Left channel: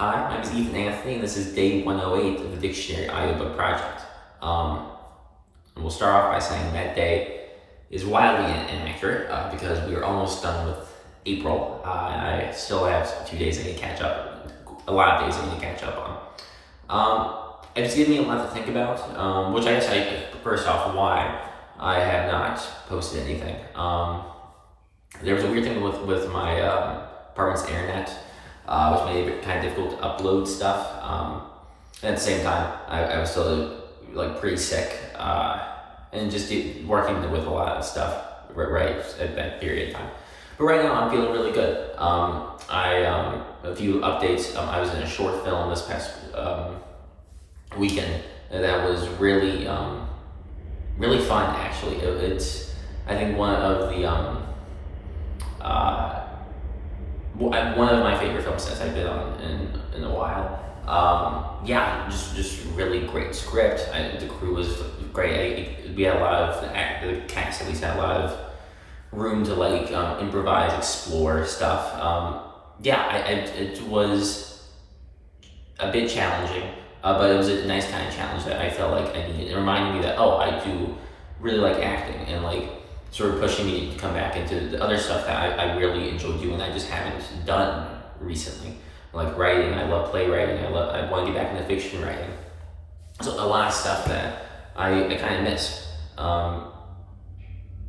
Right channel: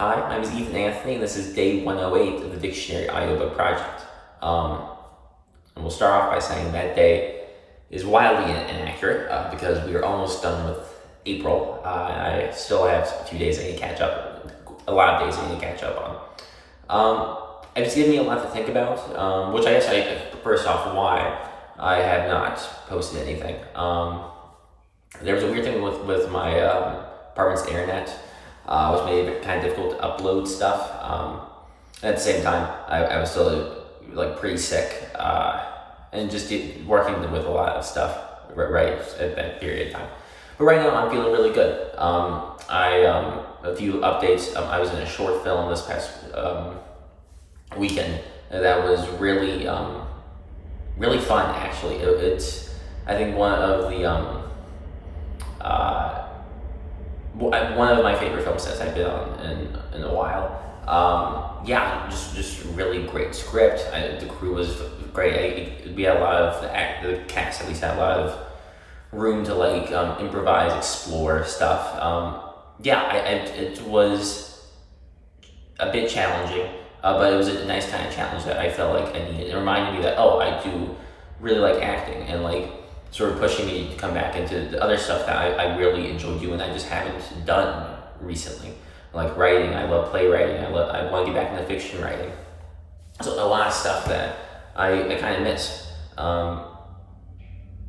Hi, my name is Ethan Anthony, and this is day 108 of the Dictionary Audiobook project. And we'll start off by saying that day is wildly inaccurate because we are almost done with April. I still have a few days I need to catch up, a lot of days I need to catch up on. It's given me a lot to think about, which I guess first off, why I have not posted anything. There was a weird thing with my apartment's internet, which made it kind of difficult to upload stuff. At the same time, I was still pretty sick and just working with a lot of stuff right at that period of time. But right now, I'm feeling really good. A few updates. I was in a short film this past weekend that was really fun. Actually, it's I think one of my favorite film sets I've been on in a while. Just really great script. The crew was great. We had a lot of the cast at least had a lot of room to improvise, explore stuff. It was a bit challenging, but it was a nice kind of challenge that I felt like I needed. It reminded me that I do really like acting and sort of pushing me to come back into the other stuff that I really enjoy doing. I just haven't done recently, like writing. I love playwriting. I want to get back into fiction writing. So a lot of stuff that I kind of miss.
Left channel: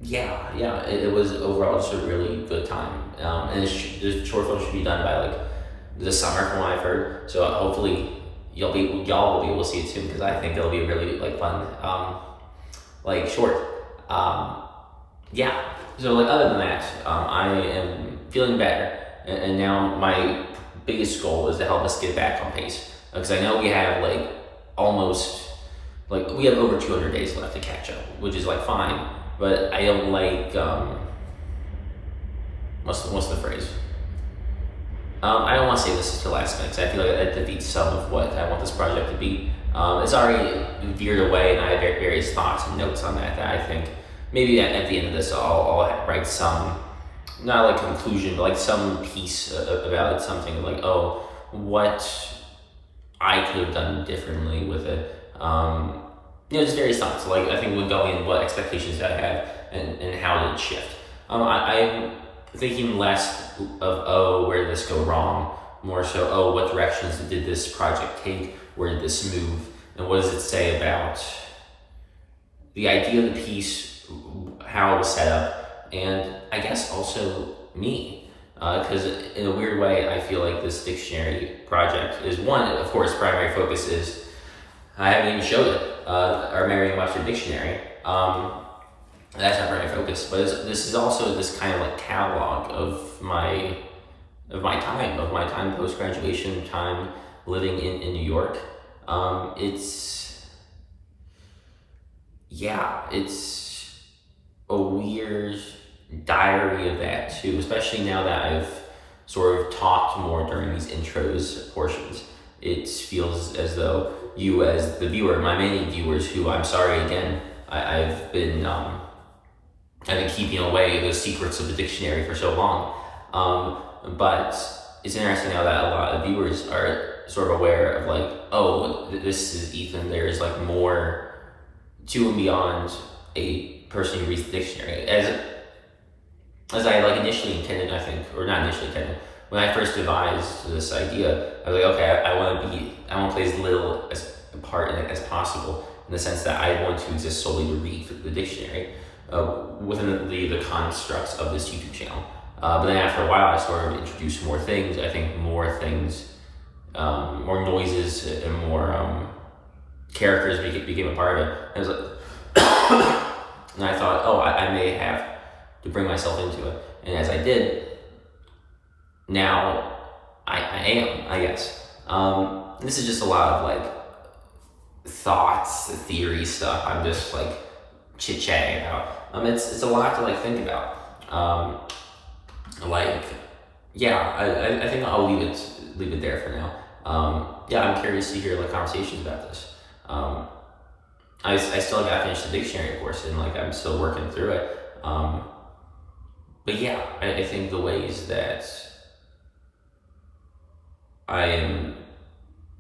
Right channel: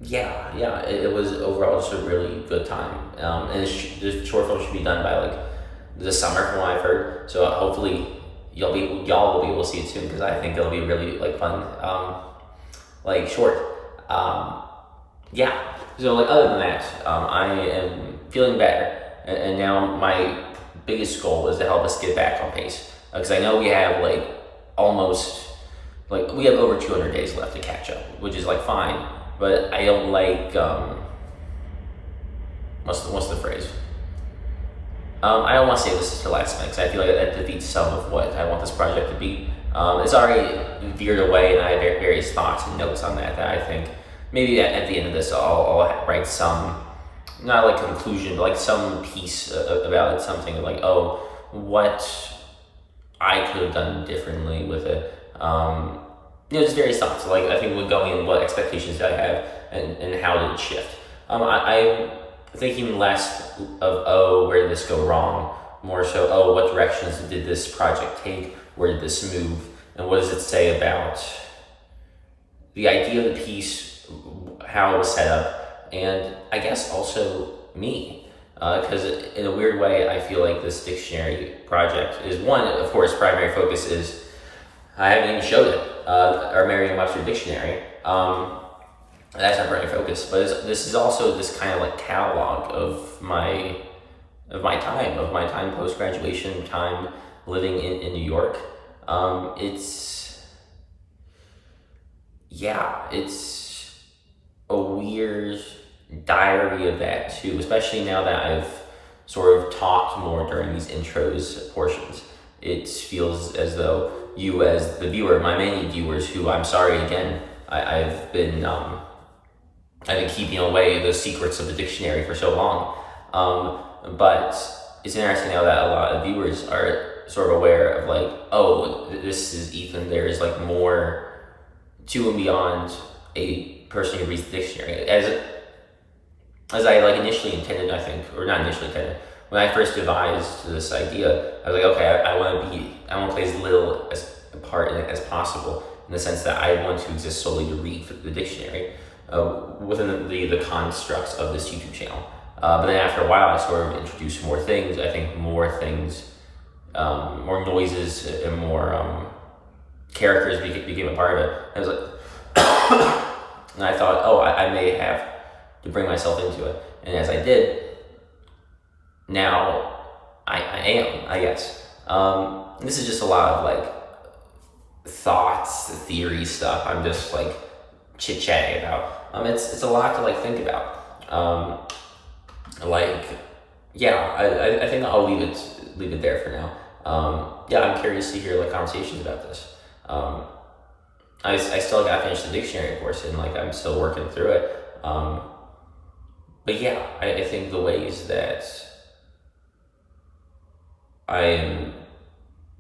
It was overall just a really good time. And the short film should be done by the summer, from what I've heard. So hopefully y'all will be able to see it soon, because I think it'll be really fun, short. So other than that, I am feeling better, and now my biggest goal is to help us get back on pace, because I know we have we have over 200 days left to catch up, which is fine, but I don't what's the phrase? I don't want to say this is to last minute, because I feel like that defeats some of what I want this project to be. It's already veered away, and I have various thoughts and notes on that I think maybe at the end of this, I'll write some, not conclusion, but some piece about it, something what I could have done differently with it. Just various thoughts. I think when going in, what expectations I have and how did it shift. I'm thinking less of, where did this go wrong? More so, what directions did this project take? Where did this move? And what does it say about the idea of the piece, how it was set up, and I guess also me, because in a weird way, I feel like this dictionary project is one, of course, primary focus is, I haven't even showed it, our Merriam-Webster Dictionary. That's not primary focus, but this is also this kind of catalog of my time post-graduation, time living in New York. It's a weird diary of that too, especially now that I've sort of talked more during these intros portions. It feels as though you, as the viewer, my many viewers, who I'm sorry again, I've been keeping away the secrets of the dictionary for so long. But it's interesting now that a lot of viewers are sort of aware of this is Ethan. There's more to and beyond a person who reads the dictionary, as I initially intended, I think, or not initially intended. When I first devised this idea, I was okay, I want to play as little as a part in it as possible, in the sense that I want to exist solely to read the dictionary within the constructs of this YouTube channel. But then after a while, I sort of introduced more things. I think more things, more noises, and more characters became a part of it. I was and I thought, I may have to bring myself into it. And as I did, now I am, I guess. This is just a lot of thoughts, theory stuff. I'm just chit-chatting about. It's a lot to think about. I think I'll leave it there for now. I'm curious to hear conversations about this. I still I finished the dictionary course, and I'm still working through it. I think the ways that I am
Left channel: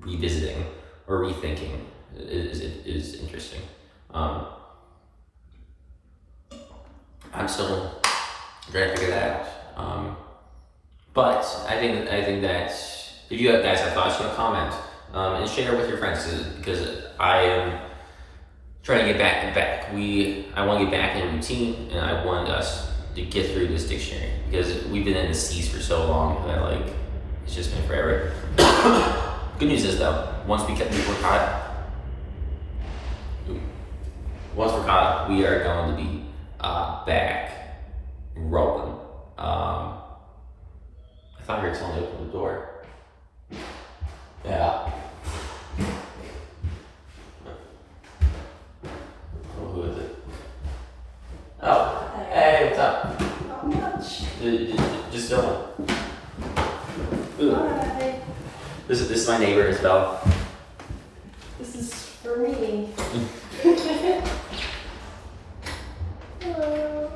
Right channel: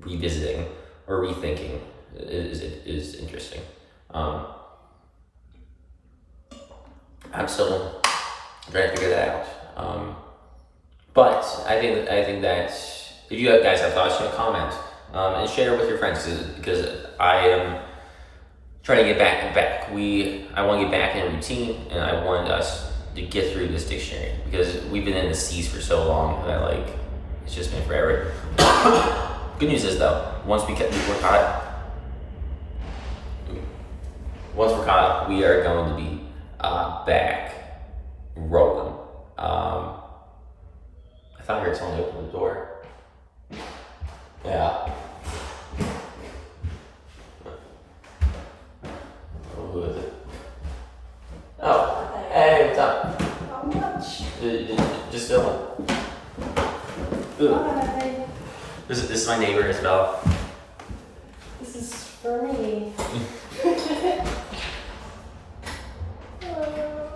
revisiting or rethinking is interesting. I'm still trying to figure that out. But I think that if you guys have thoughts, you can comment and share with your friends, because I am trying to get back. I want to get back in a routine, and I wanted us to get through this dictionary, because we've been in the seas for so long that it's just been forever. Good news is though, once we're caught up, we are going to be back rolling. I thought I heard someone open the door. Yeah. Oh, who is it? Oh, hey, what's up? Not much. Just chilling. Hi. This is my neighbor, Isabel. This is for me. Hello.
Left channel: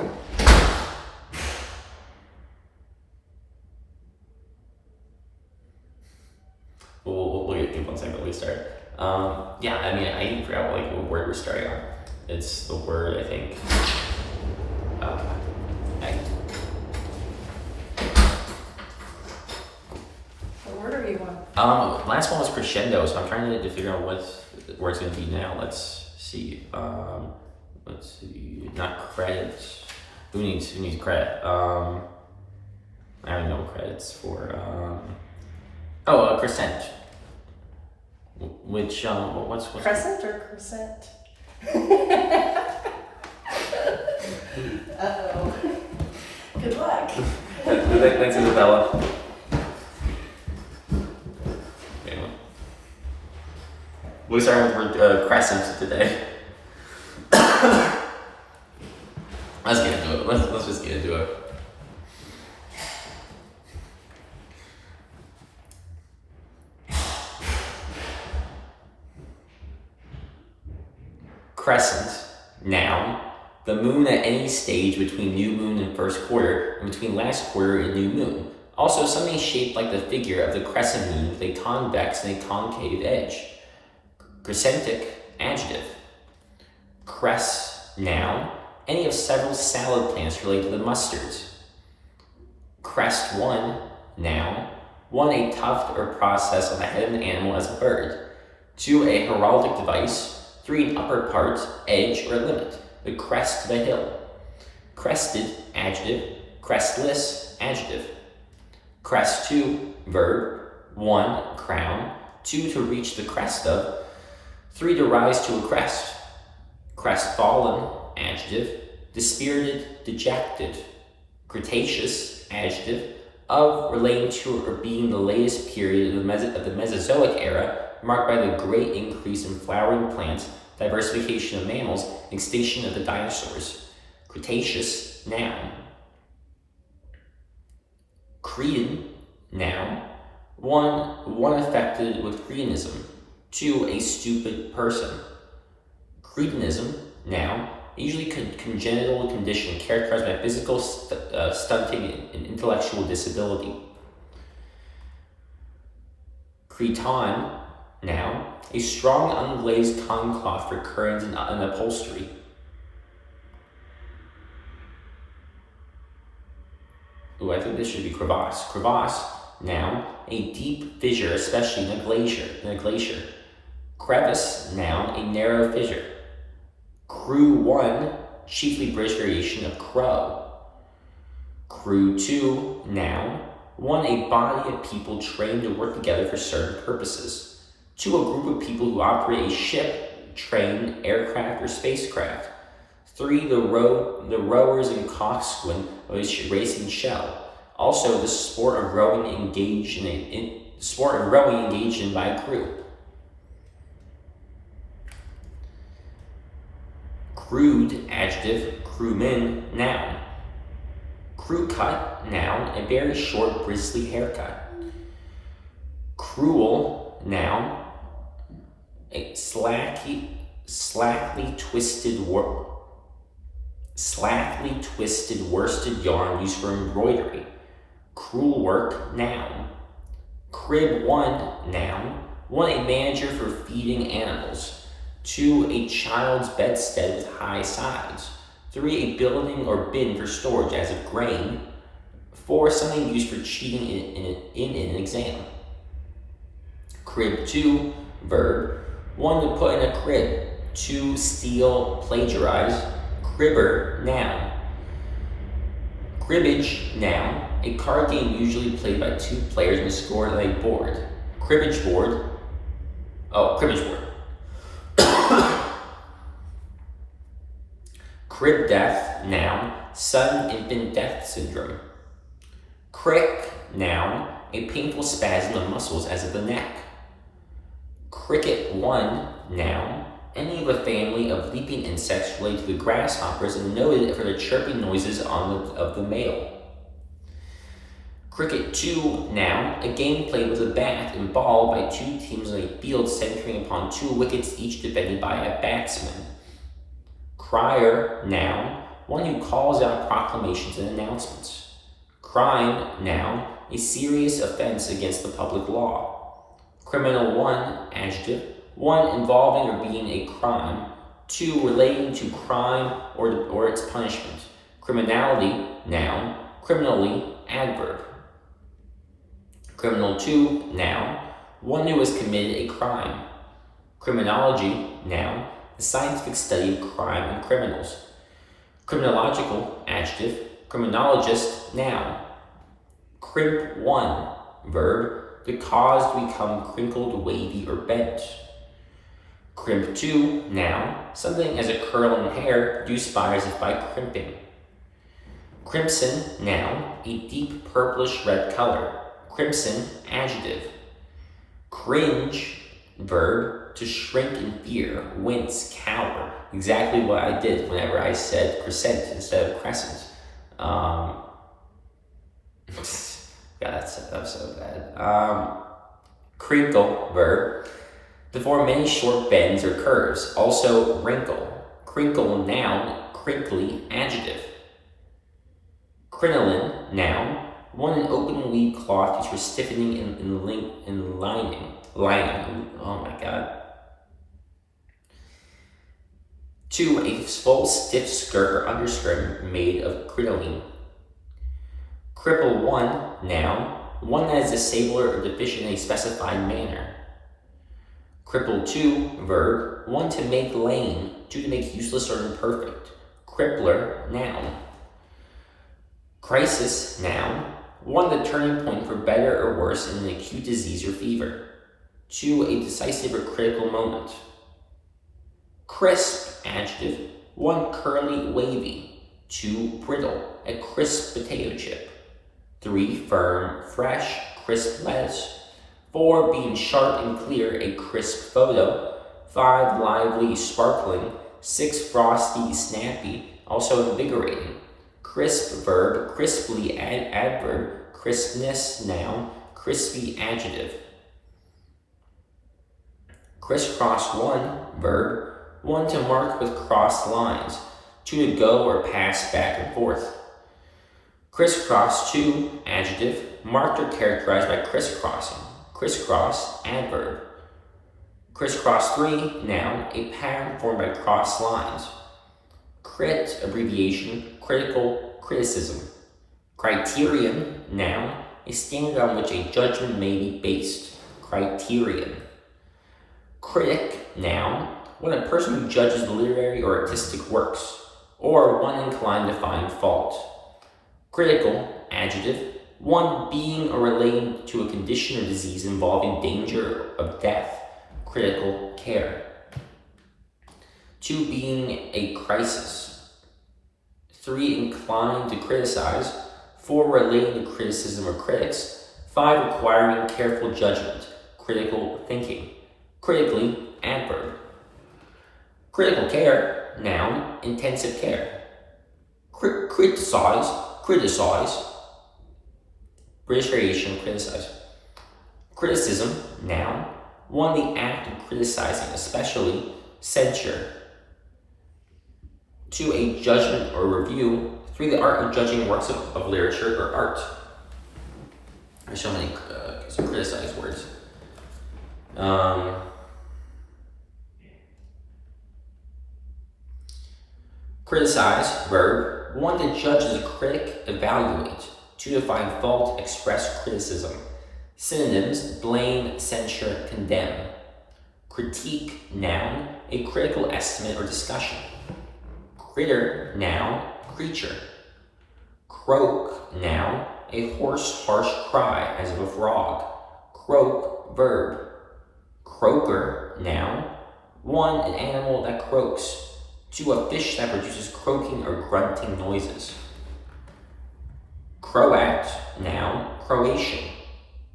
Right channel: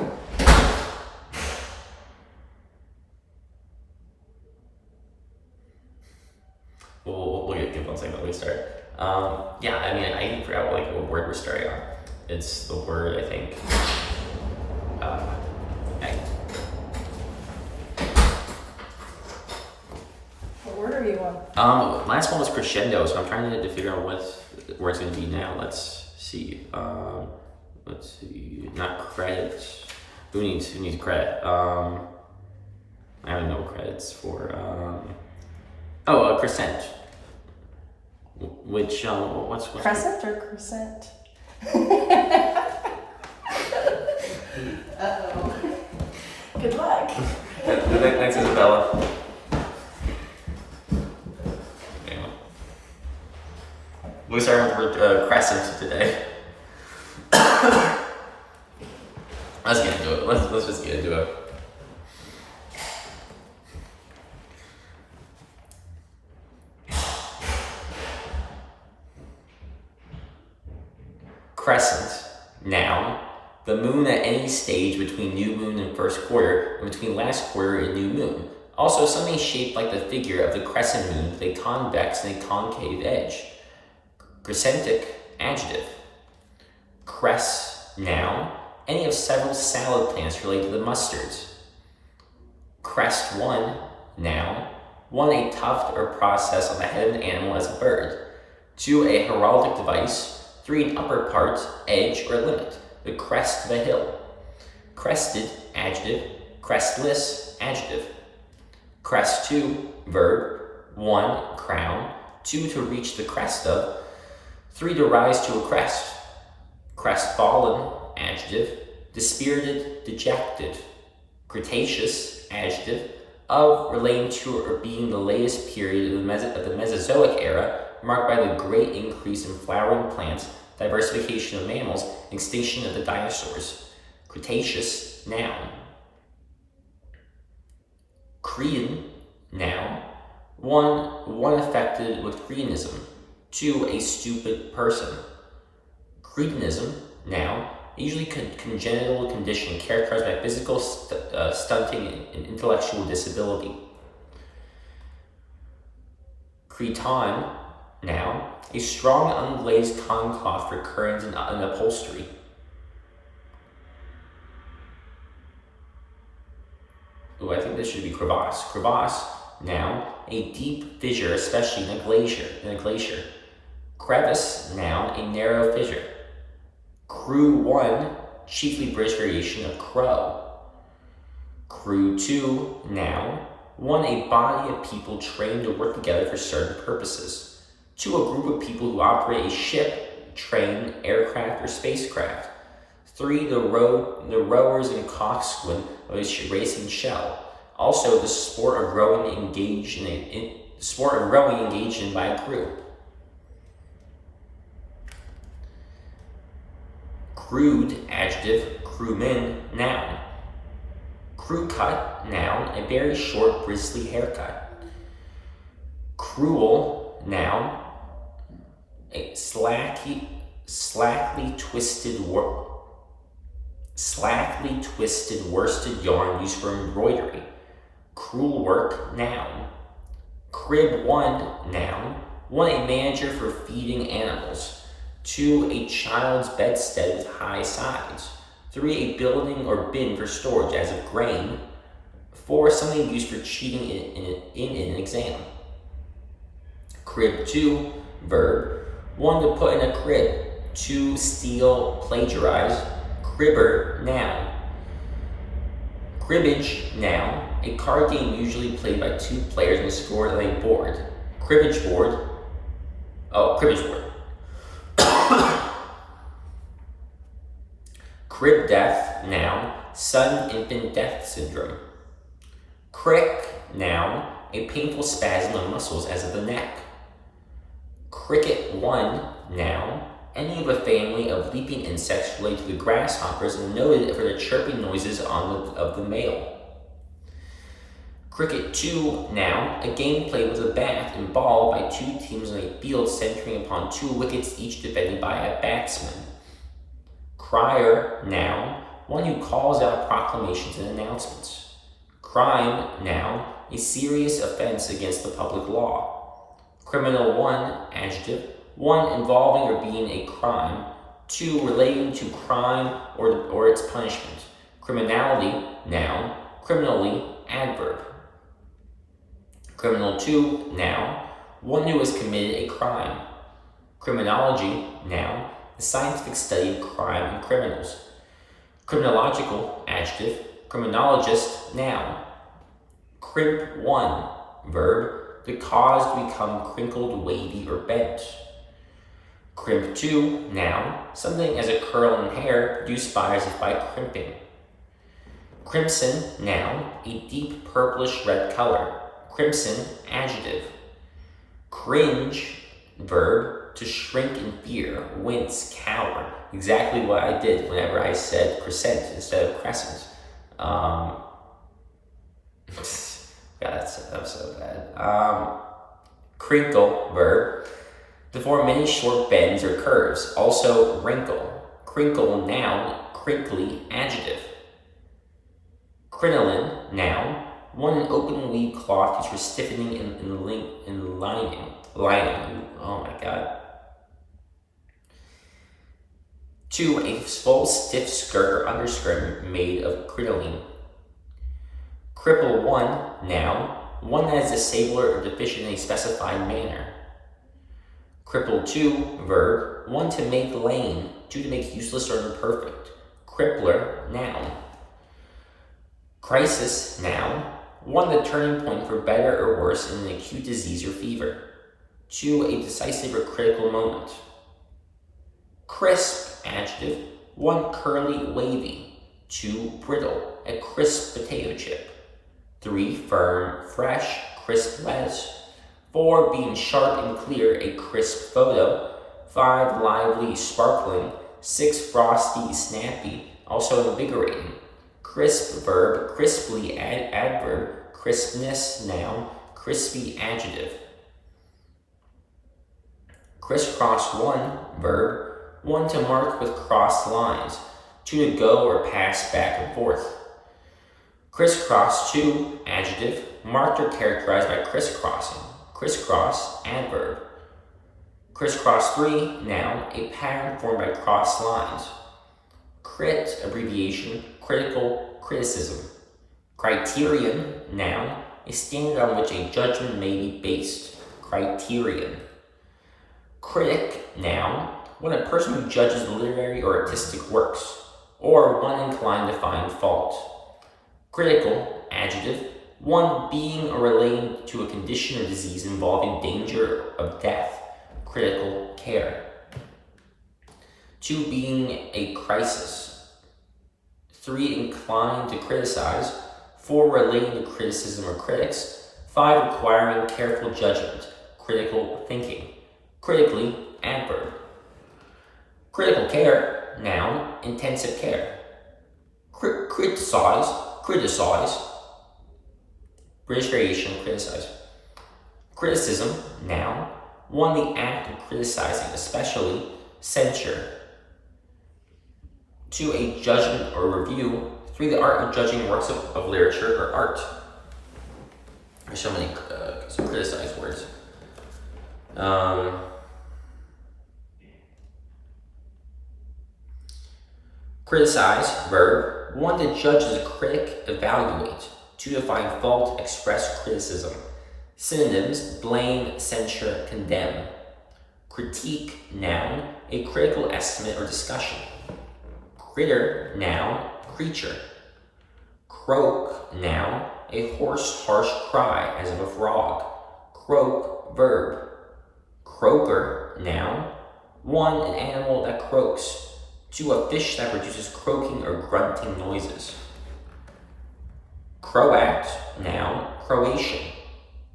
We'll give 1 second. We start. Yeah, I mean, I even forgot what word we're starting on. It's the word, I think. Hey. What word are you on? Last one was crescendo, so I'm trying to figure out what where it's going to be now. Let's see. Not credits. Who needs credit? I don't know what credits for. Crescent. Which what's Crescent or crescent? Uh-oh. Good luck. Thanks, Isabella. Anyway. We're starting with the word crescent today. Let's get into it. Let's just get into it. Crescent, noun, the moon at any stage between new moon and first quarter, and between last quarter and new moon. Also, something shaped like the figure of the crescent moon with a convex and a concave edge. Crescentic, adjective. Cress, noun, any of several salad plants related to the mustards. Crest one, noun, one, a tuft or process on the head of an animal as a bird. Two, a heraldic device. Three, an upper part, edge, or limit, the crest of a hill. Crested, adjective. Crestless, adjective. Crest two, verb. One, crown. Two, to reach the crest of. Three, to rise to a crest. Crestfallen, adjective. Dispirited, dejected. Cretaceous, adjective. Of, relating to, or being the latest period of the Mesozoic era, marked by the great increase in flowering plants, diversification of mammals, and extinction of the dinosaurs. Cretaceous, noun. Cretan, noun. One affected with cretinism. Two, a stupid person. Cretinism, noun, usually congenital condition characterized by physical stunting and intellectual disability. Cretonne, noun, a strong unglazed cotton cloth for curtains and upholstery. Ooh, I think this should be crevasse. Crevasse, noun, a deep fissure, especially in a glacier. Crevice, noun, a narrow fissure. Crew one, chiefly British variation of crow. Crew two, noun, one, a body of people trained to work together for certain purposes. Two, a group of people who operate a ship, train, aircraft, or spacecraft. Three, the rowers and coxswain of a racing shell. Also, the sport of rowing engaged in by a group. Crude, adjective. Crewman, noun. Crew cut, noun, a very short, bristly haircut. Cruel, noun, a slackly twisted worsted yarn used for embroidery. Cruel work, noun. Crib one, noun, 1, a manager for feeding animals. 2, a child's bedstead with high sides. 3, a building or bin for storage as of grain. 4, something used for cheating in an exam. Crib 2, verb. 1, to put in a crib. 2, steal, plagiarize. Cribber, noun. Cribbage, noun. A card game usually played by 2 players and scored on a board. Cribbage board. Cribbage board. Crib death, noun. Sudden infant death syndrome. Crick, noun. A painful spasm of muscles as of the neck. Cricket 1, noun. Any of a family of leaping insects related to the grasshoppers and noted for their chirping noises of the male. Cricket 2, noun. A game played with a bat and ball by 2 teams on a field centering upon 2 wickets, each defended by a batsman. Crier, noun. One who calls out proclamations and announcements. Crime, noun. A serious offense against the public law. Criminal 1, adjective. 1, involving or being a crime. 2, relating to crime or its punishment. Criminality, noun. Criminally, adverb. Criminal 2, noun. 1 who has committed a crime. Criminology, noun. The scientific study of crime and criminals. Criminological, adjective. Criminologist, noun. Crimp 1, verb. To cause to become crinkled, wavy, or bent. Crimp 2, noun. Something as a curl in hair produced by as if by crimping. Crimson, noun. A deep purplish red color. Crimson, adjective. Cringe, verb. To shrink in fear, wince, cower. Exactly what I did whenever I said crescent instead of crescent. God, that was so bad. Crinkle, verb. To form many short bends or curves. Also, wrinkle. Crinkle, noun. Crinkly, adjective. Crinoline, noun. 1, an open weave cloth used for stiffening and lining. Oh my god. 2, a full stiff skirt or underskirt made of crinoline. Cripple 1, noun. 1 that is disabled or deficient in a specified manner. Cripple 2, verb. 1 to make lame, 2 to make useless or imperfect. Crippler, noun. Crisis, noun. 1 the turning point for better or worse in an acute disease or fever. 2 a decisive or critical moment. Crisp, adjective. 1 curly, wavy. 2 brittle, a crisp potato chip. 3 firm, fresh, crisp lettuce. 4 being sharp and clear, a crisp photo. 5 lively, sparkling. 6 frosty, snappy, also invigorating. Crisp, verb. Crisply, adverb. Crispness, noun. Crispy, adjective. Crisscross 1, verb. 1 to mark with crossed lines. 2 to go or pass back and forth. Crisscross 2, adjective. Marked or characterized by crisscrossing. Crisscross, adverb. Crisscross 3, noun. A pattern formed by crossed lines. Crit, abbreviation. Critical, criticism. Criterion, noun. A standard on which a judgment may be based. Criterion. Critic, noun. 1 a person who judges literary or artistic works, or 1 inclined to find fault. Critical, adjective. 1 being or relating to a condition or disease involving danger of death. Critical care. 2 being a crisis. 3 inclined to criticize. 4 relating to criticism or critics. 5 requiring careful judgment. Critical thinking. Critically, adverb. Critical care, noun. Intensive care. Criticize. British variation, criticize. Criticism, noun. 1 the act of criticizing, especially censure. 2 a judgment or review. 3 the art of judging works of literature or art. There's so many criticized words. Criticize, verb. 1 to judge as a critic, evaluate. 2 to find fault, express criticism. Synonyms: blame, censure, condemn. Critique, noun, a critical estimate or discussion. Critter, noun, creature. Croak, noun, a hoarse, harsh cry, as of a frog. Croak, verb. Croaker, noun, 1, an animal that croaks. 2, a fish that produces croaking or grunting noises. Croat, noun, Croatian.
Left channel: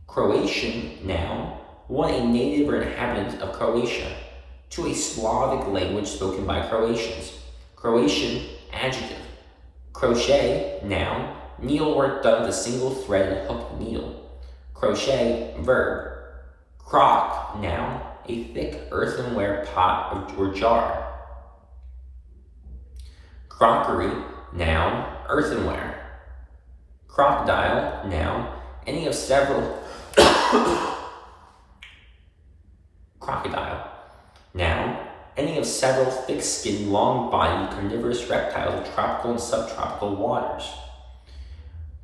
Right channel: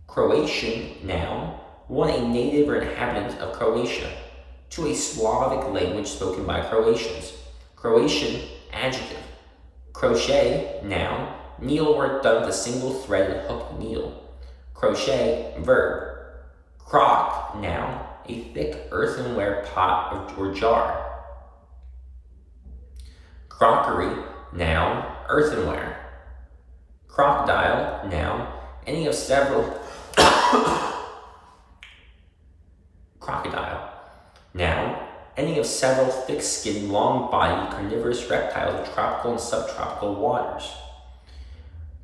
Croatian, noun, 1, a native or inhabitant of Croatia. 2, a Slavic language spoken by Croatians. Croatian, adjective. Crochet, noun, needlework done with a single threaded hook needle. Crochet, verb. Crock, noun, a thick earthenware pot or jar. Crockery, noun, earthenware. Crocodile, noun, any of several crocodile, noun, any of several thick-skinned, long-bodied carnivorous reptiles of tropical and subtropical waters.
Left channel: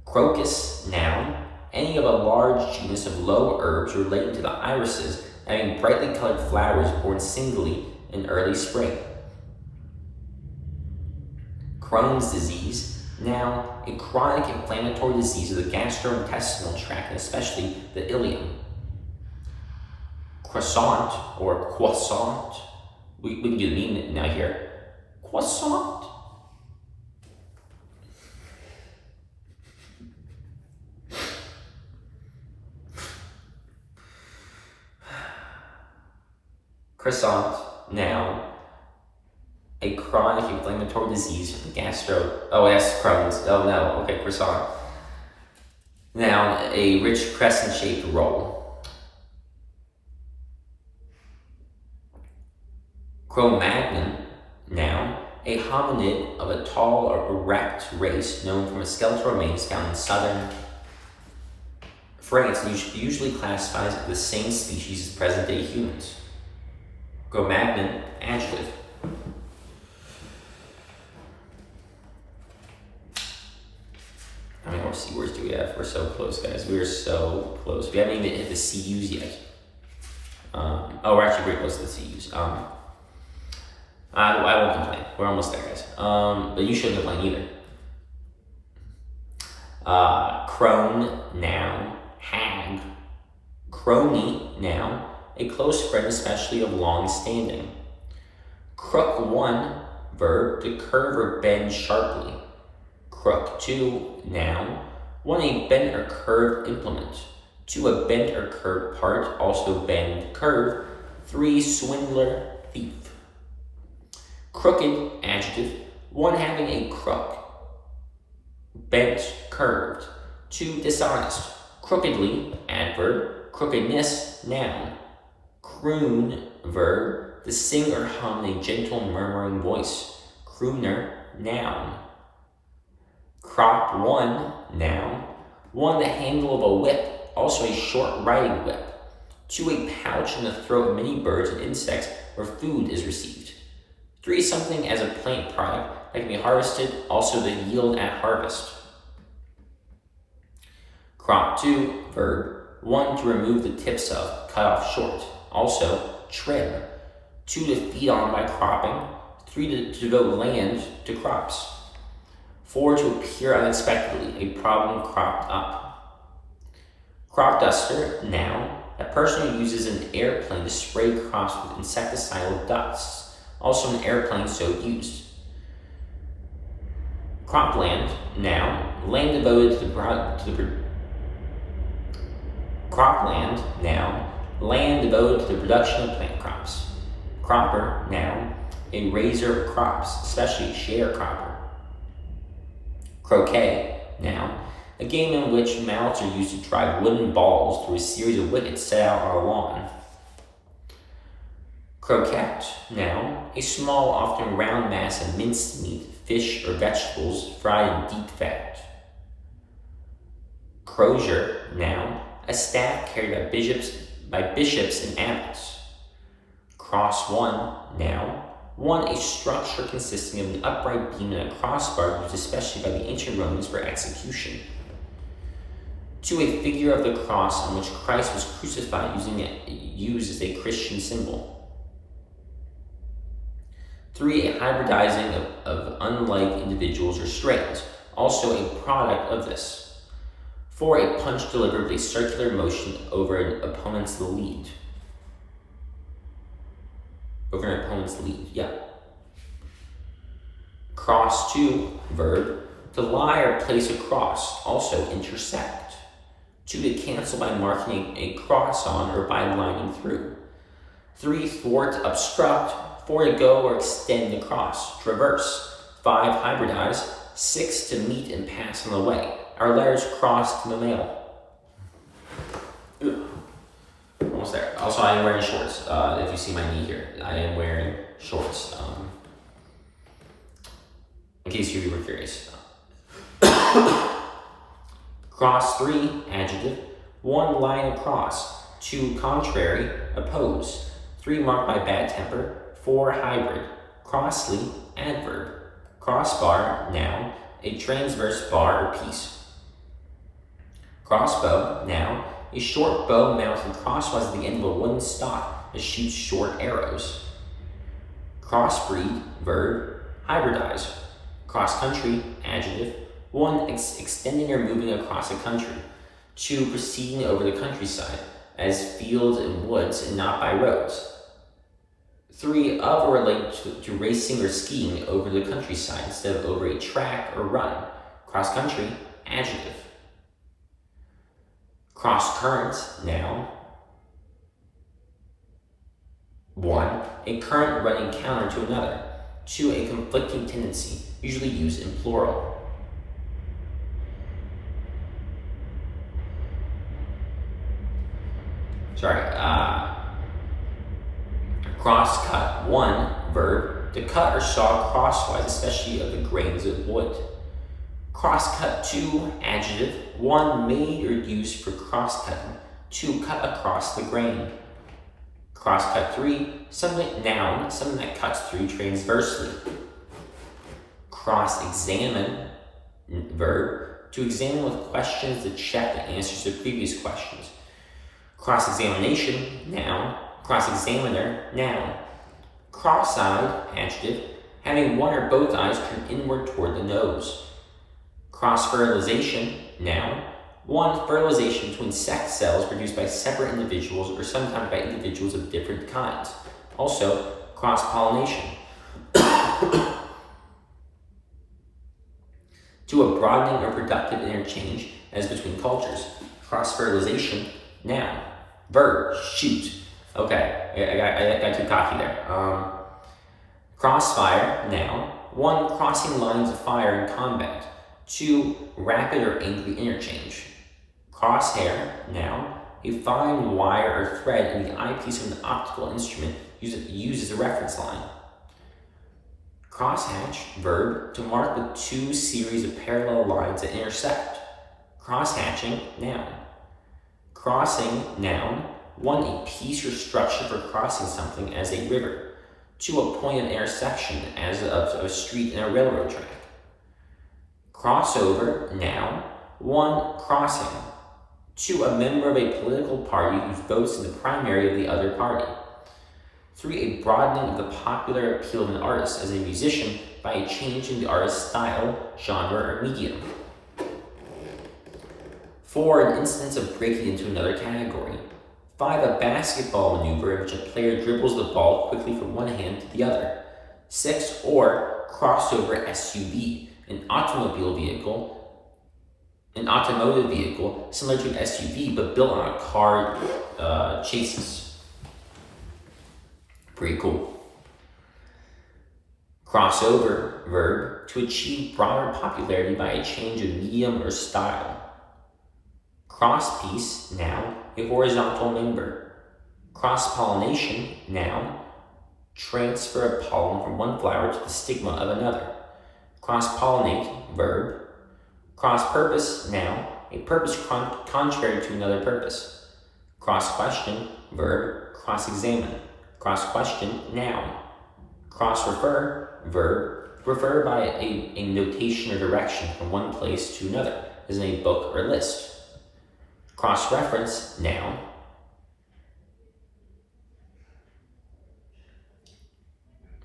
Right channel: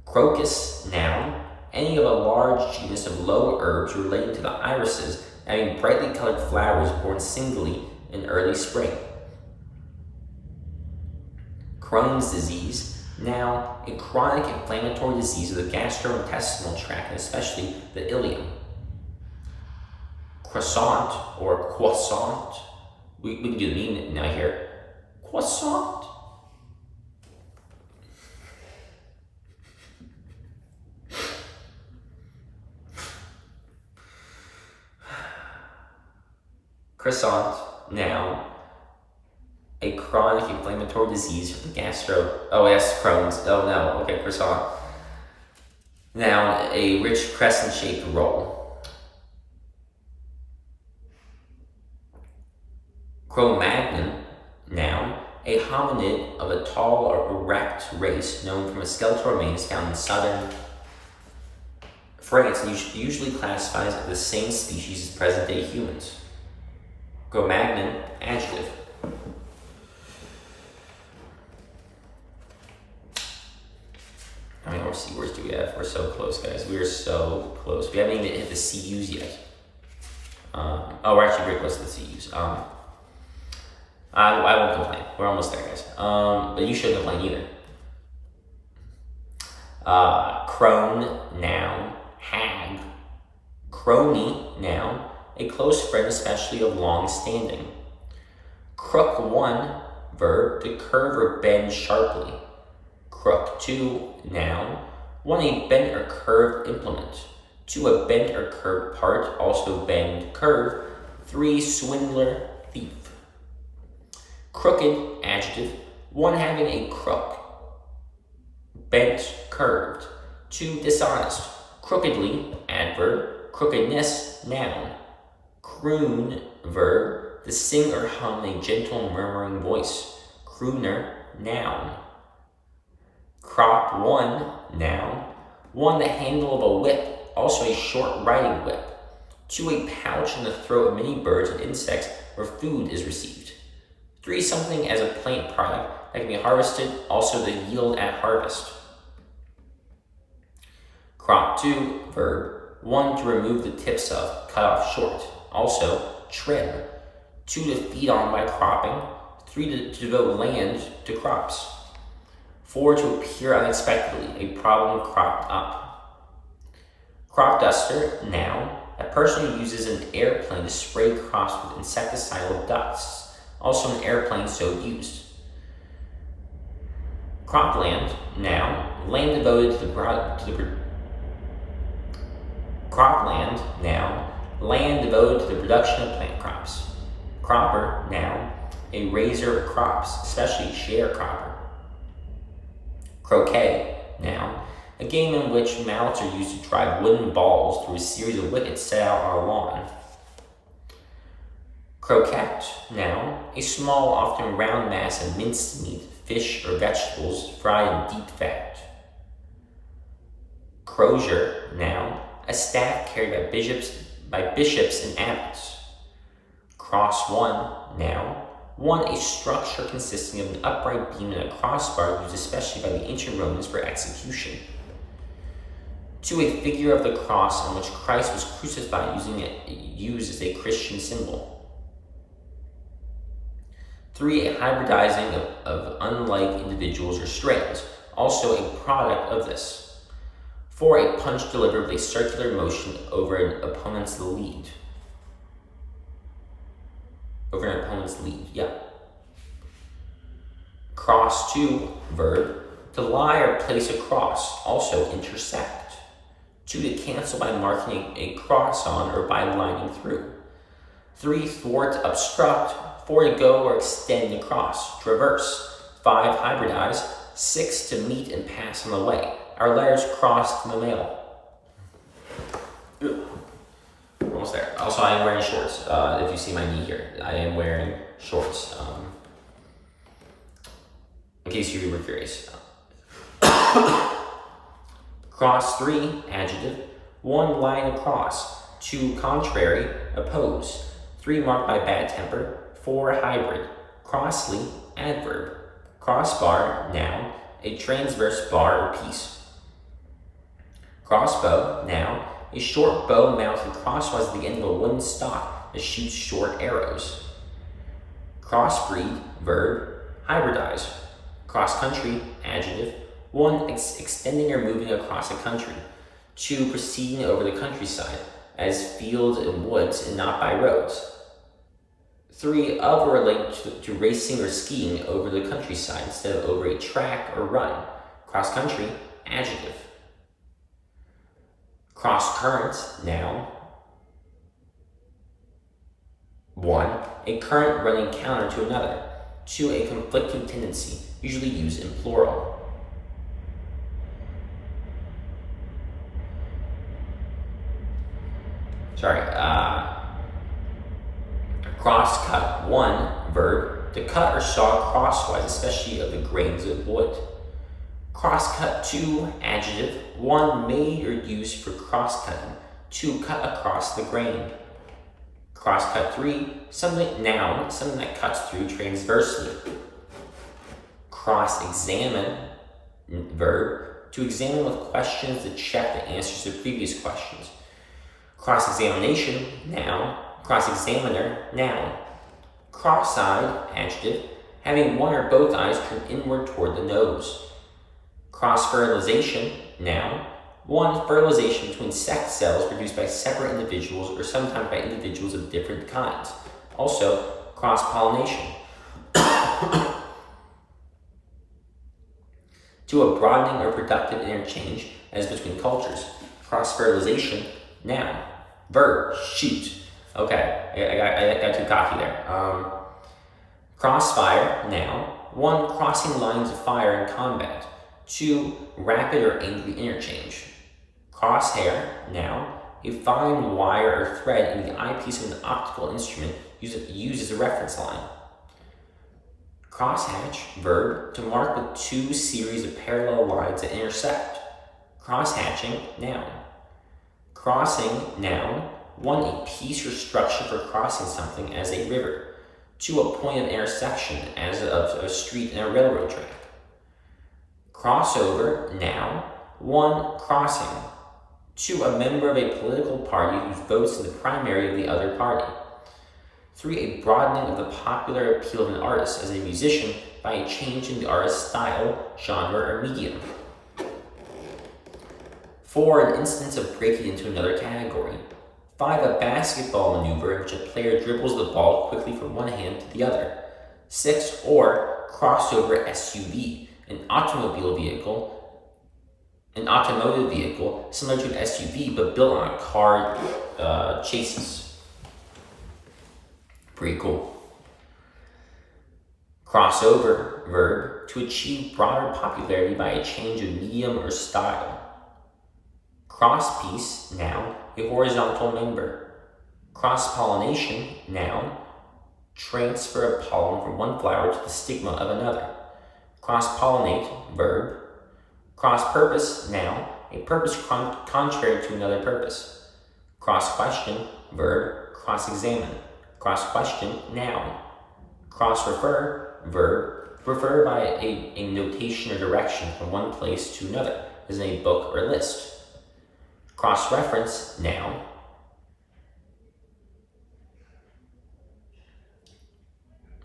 Crocus, noun, any of a large genus of low herbs relating to the irises, having brightly colored flowers born singly in early spring. Crohn's disease, noun, a chronic inflammatory disease of the gastrointestinal tract and especially the ileum. Croissant or croissant, we can do the meme now here. Croissant. Croissant, noun, a chronic inflammatory disease of the Crohn's. Oh no, okay, croissant. Noun, a rich crescent-shaped roll. Cro-Magnon, noun, a hominid of a tall or erect race known from a skeletal remains found in southern France, usually classifies as the same species as present-day humans. Cro-Magnon, adjective. How many more C words do we have? We're so close, guys. We're so close. We haven't even hit the CUs yet. We're actually very close to the CUs. I won't complain. We're almost there, guys. But you shouldn't complain either. Crone, noun, hag. Crony, noun, a close friend, especially of long standing. Crook 1, verb, to curve or bend sharply. Crook 2, noun, 1, a bent or curved implement. 2, a bent or curved part, also bend, curve. 3, swindler, thief. Crooked, adjective, 1, having a crook. Bent, curved. 2, dishonest. Crookedly, adverb. Crookedness, noun. Croon, verb, to sing or hum in a gentle murmuring voice. Crooner, noun. Crop 1, noun, 1, the handle of a whip, also a short riding whip. 2, a pouch in the throat of many birds and insects where food is received. 3, something as a plant product that can be harvested, also the yield at harvest. Crop 2, verb, 1, to remove the tips of, cut off short, also trim. 2, to feed on by cropping. 3, to devote land to crops. 4, to appear unexpectedly, a problem cropped up. Crop duster, noun, a person who uses an airplane to spray crops with insecticidal dusts, also an airplane so used. Cropland, noun, land devoted to cropland, noun, land devoted to the production of plant crops. Cropper, noun, a raiser of crops, especially sharecropper. Croquet, noun, a game in which mallets are used to drive wooden balls through a series of wickets set out on a lawn. Croquette, noun, a small, often round mass of minced meat, fish, or vegetables fried in deep fat. Crozier, noun, a staff carried by by bishops and abbots. Cross 1, noun. 1, a structure consisting of an upright beam and a crossbar used especially by the ancient Romans for execution. 2, a figure of the cross on which Christ was crucified used as a Christian symbol. 3, a hybridizing of unlike individuals or strains, also a product of this. 4, a punch delivered with a circular motion over an opponent's lead. Cross 2, verb, to lie or place a cross, also intersect. 2, to cancel by marking a cross on or by lining through. 3, thwart, obstruct. 4, to go or extend across, traverse. 5, hybridize. 6, to meet and pass on the way. Our letters crossed in the mail. Almost there. Also, I am wearing shorts. If you see my knee here, I am wearing shorts. In case you were curious. Cross 3, adjective. 1, line across. 2, contrary, oppose. 3, marked by bad temper. 4, hybrid. Crossly, adverb. Crossbar, noun. A transverse bar or piece. Crossbow, noun. A short bow mounted crosswise at the end of a wooden stock that shoots short arrows. Crossbreed, verb. Hybridize. Cross-country, adjective. 1, extending or moving across a country. 2, proceeding over the countryside, as fields and woods and not by roads. 3, of or related to racing or skiing over the countryside instead of over a track or run. Cross-country, adjective. Cross-current, noun. 1, a current running counter to another. 2, a conflicting tendency, usually used in plural. Cross-cut, 1, verb, to cut or saw crosswise, especially of the grains of wood. Cross-cut, 2, adjective. 1, made or used for cross-cutting. 2, cut across the grain. Cross-cut, 3, something, noun, something that cuts through transversely. Cross-examine, verb, to examine with questions to check the answers to previous questions. Cross-examination, noun. Cross-examiner, noun. Cross-eyed, adjective, having one or both eyes turned inward toward the nose. Cross-fertilization, noun. 1, fertilization between sex cells produced by separate individuals or sometimes by individuals of different kinds. Also, cross-pollination. 2, a broadening or productive interchange as between cultures. Cross-fertilization, noun. Verb, shoot. Okay, I got too cocky there. Crossfire, noun. 1, crossing lines of fire in combat. 2, rapid or angry interchange. Crosshair, noun. A fine wire or thread in the eyepiece of an optical instrument used as a reference line. Crosshatch, verb, to mark with 2 series of parallel lines that intersect. Crosshatching, noun. Crossing, noun. 1, a piece or structure for crossing something as a river. 2, a point of intersection as of a street and a railroad track. Crossover, noun. 1, crossing. 2, a member of a political party who votes in the primary of the other party. 3, a broadening of the popular appeal of an artist as a musician by a change in the artist's style, genre, or medium. 4, an instance of breaking into another category. 5, a basketball maneuver in which a player dribbles the ball quickly from one hand to the other. 6, or crossover SUV, an automotive vehicle similar to an SUV but built on a car chassis. Pretty cool. Crossover, verb, to achieve broader popularity by a change of medium or style. Crosspiece, noun, a horizontal member. Cross-pollination, noun, transfer of pollen from one flower to the stigma of another. Cross-pollinate, verb. Cross-purpose, noun, a purpose contrary to another purpose. Cross-question, verb, cross-examine. Cross-question, noun. Cross-refer, verb, refer by a notation or direction from one place to another, as in a book or list. Cross-reference, noun.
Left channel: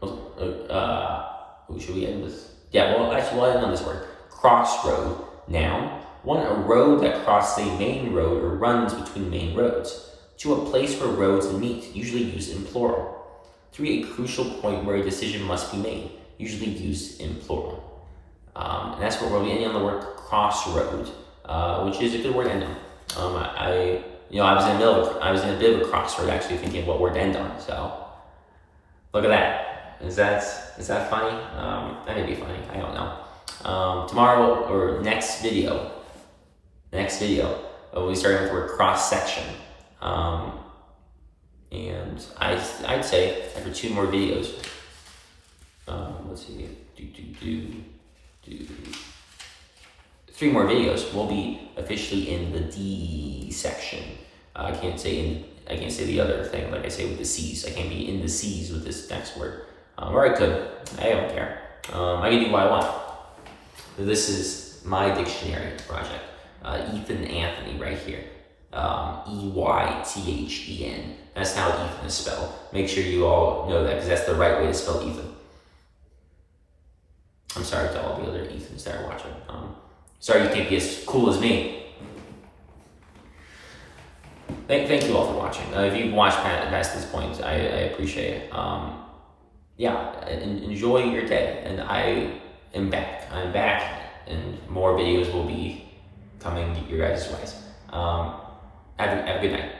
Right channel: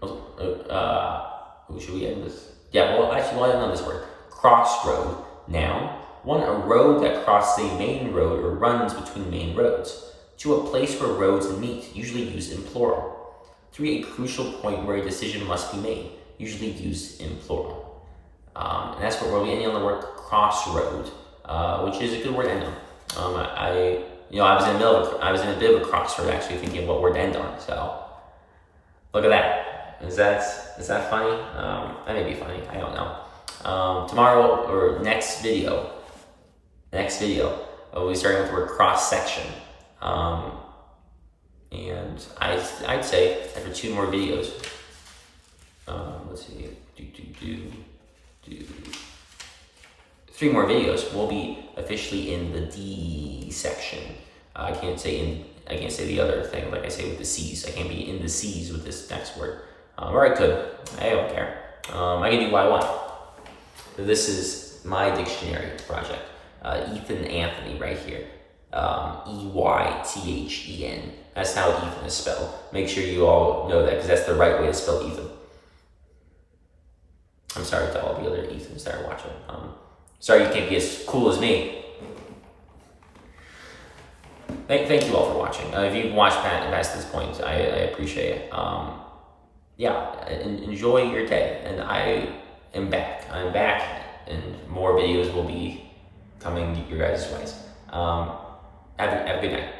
Who should we end with? Yeah, well, actually, we'll end on this word. Crossroad, noun. 1, a road that crosses a main road or runs between main roads. 2, a place where roads meet, usually used in plural. 3, a crucial point where a decision must be made, usually used in plural. And that's what we'll be ending on the word crossroad, which is a good word to end on. I was in a bit of a crossroad actually, thinking of what word to end on. So look at that. Is that funny? That may be funny. I don't know. Tomorrow or next video, we'll be starting with the word cross section. And I'd say after 2 more videos, let's see, 3 more videos, we'll be officially in the D section. I can't say the other thing like I say with the C's. I can't be in the C's with this next word. Or I could. I don't care. I can do what I want. This is my dictionary project. Ethan Anthony right here. Eythen. That's how Ethan is spelled. Make sure you all know that because that's the right way to spell Ethan. I'm sorry to all the other Ethans that are watching. Sorry you can't be as cool as me. Thank you all for watching. If you've watched past this point, I appreciate it. Enjoy your day. And I am back. I'm back, and more videos will be coming your guys' ways. Have a good night.